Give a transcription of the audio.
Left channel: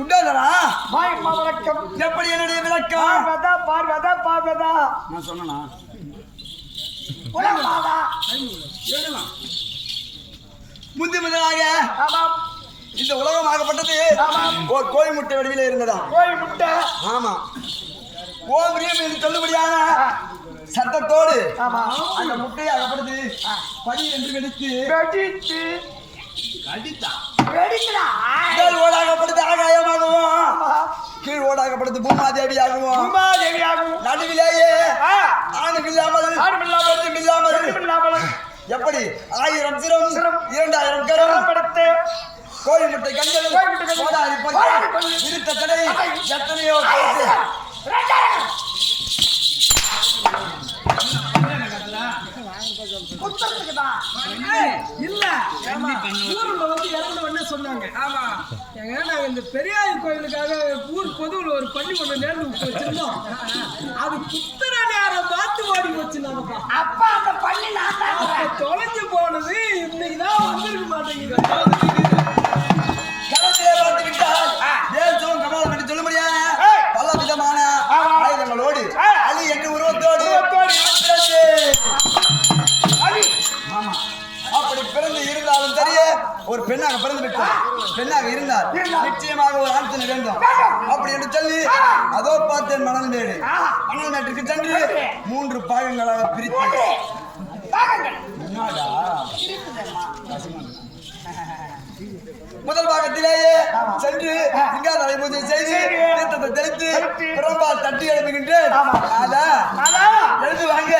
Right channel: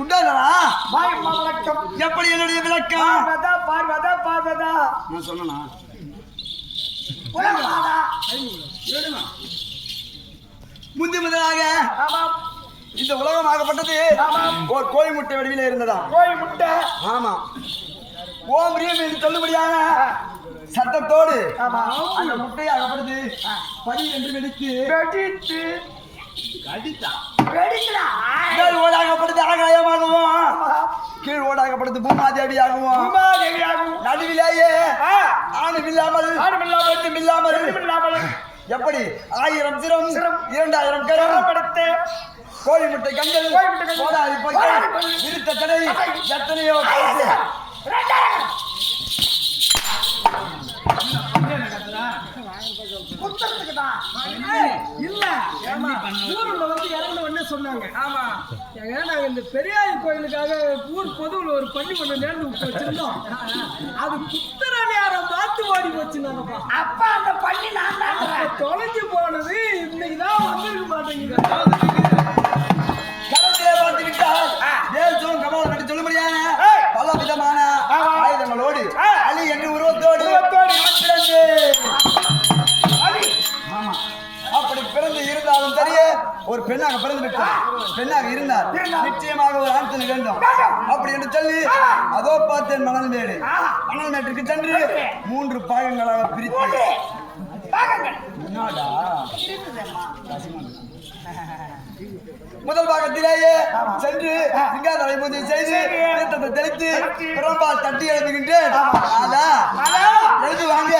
குண்டாதரா மாயம்மா வணக்கம். எப்படி என்னுடைய விளக்கம்? பார்வதா நான் சொன்னா உலகமாதா. முந்தி முதலாக இந்த உலகமாகப்பட்டது ஒரு கோழி முட்டை வடிவில இருந்ததா? கோழி முட்டை. ஆமா. ஓம் ரீம் என்று சொல்லும்படியான சத்தத்தோடு அந்த முட்டையை அகப்படுது படி என்று வெடித்து ஓடாகப்படுது ஆகாயமாகவும் கீழ் ஓடாகப்படுது பூமாதேவியாகவும் நடுவிலேயே ஆணும் இல்லாமல் எப்படி 1000 சிரம் 2000 கரம் கோழி முட்டை கண்கள் கோடாரி பற்கள் இருத்த தடை எத்தனையோ கருத்து இல்ல ஊர்ல வந்து இறங்கணும்னு சொன்னாங்க. ஆமா, நாங்க இந்த பெரியார் கோயிலுக்காக ஊர் பொதுவில் ஒரு பள்ளி ஒண்ணு நேர்ந்து வச்சிருந்தோம். அது குத்துற நேரம் பார்த்து ஓடி போச்சுனாங்கப்பா. அப்ப அந்த பள்ளி அப்ப தொலைஞ்சு போனது இன்னைக்குதான் வந்துருக்க மாட்டேங்குது. களத்திலே பார்த்துக்கிட்டால் தேசம் கமலம் என்று சொல்ல முடியாத பல விதமான ஆயுதங்களோடு அலி என்று உருவத்தோடு அப்படி பிறந்து இருந்தாலும் தெரிய ஒரு பெண்ணாக பிறந்து விட்டார். பெண்ணாக இருந்தார் நிச்சயமாக ஒரு ஆண் வேண்டும் அப்படி என்று சொல்லி அதோ பார்த்தேன் மணல் மேட்டிற்கு சென்று 3 பாகங்களாக பிரித்து முதல் பாகத்திலேயே சென்று சிங்காதலை பூஜை செய்து தீர்த்தத்தை தெளித்து பிரம்பால் தட்டி எழுதுகின்றேன். எழுதுவாங்க